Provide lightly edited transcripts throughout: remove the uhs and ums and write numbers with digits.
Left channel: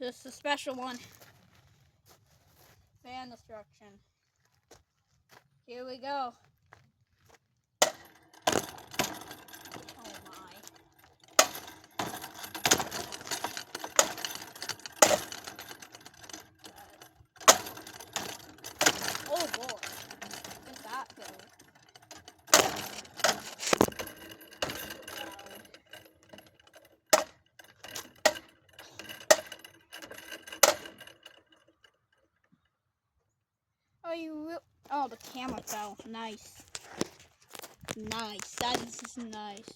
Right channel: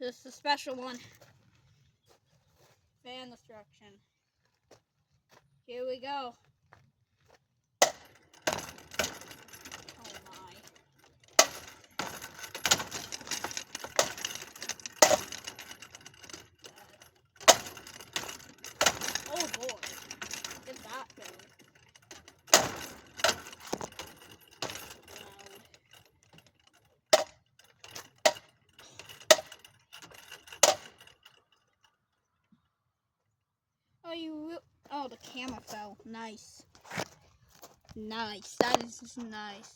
This is a special one. Fan destruction. Here we go. Oh my. Oh boy. What's that thing? Oh, the camera fell. Nice. Nice. That is just nice.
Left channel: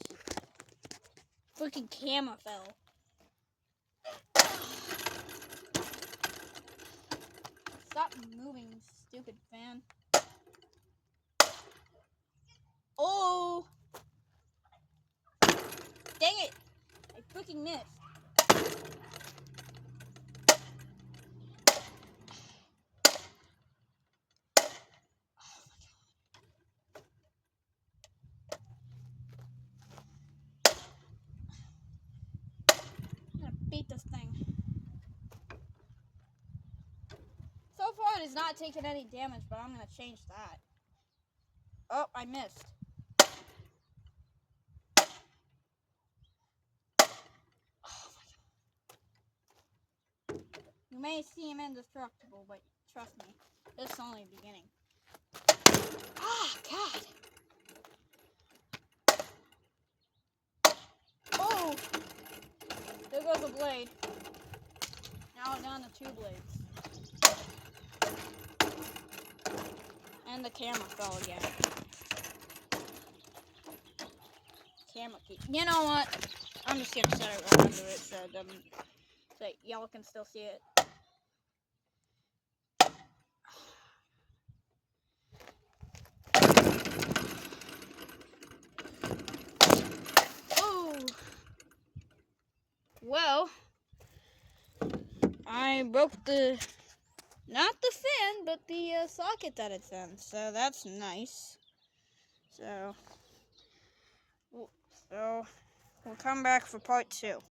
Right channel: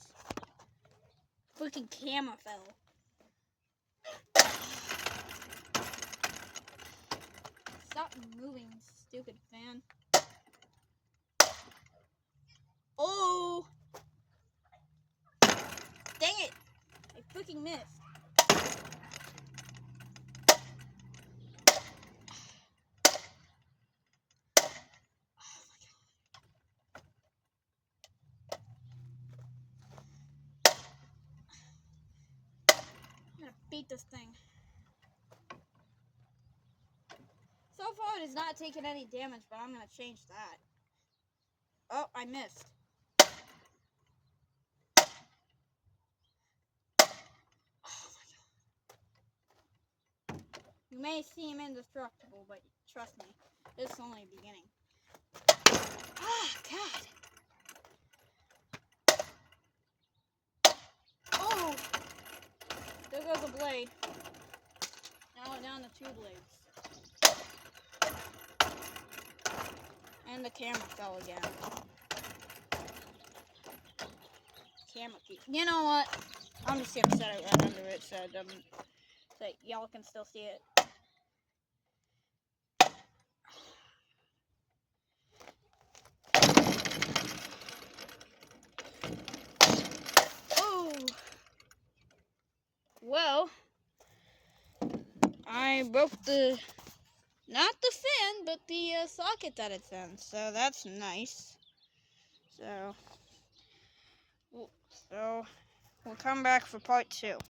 Freaking camera fell. Stop moving, stupid fan. Oh! Dang it! I freaking missed. I'm gonna beat this thing. So far, it has not taken any damage, but I'm gonna change that. Oh, I missed. Oh my god. You may seem indestructible, but trust me, this is only the beginning. Ah, God. Oh! There goes a blade. Now down to 2 blades. And the camera fell again. Camera key. You know what? I'm just gonna set it right under it so it doesn't, so y'all can still see it. Oh! Well, I broke not the fan, but the socket that it's in, so that's nice. So we'll come back for part 2.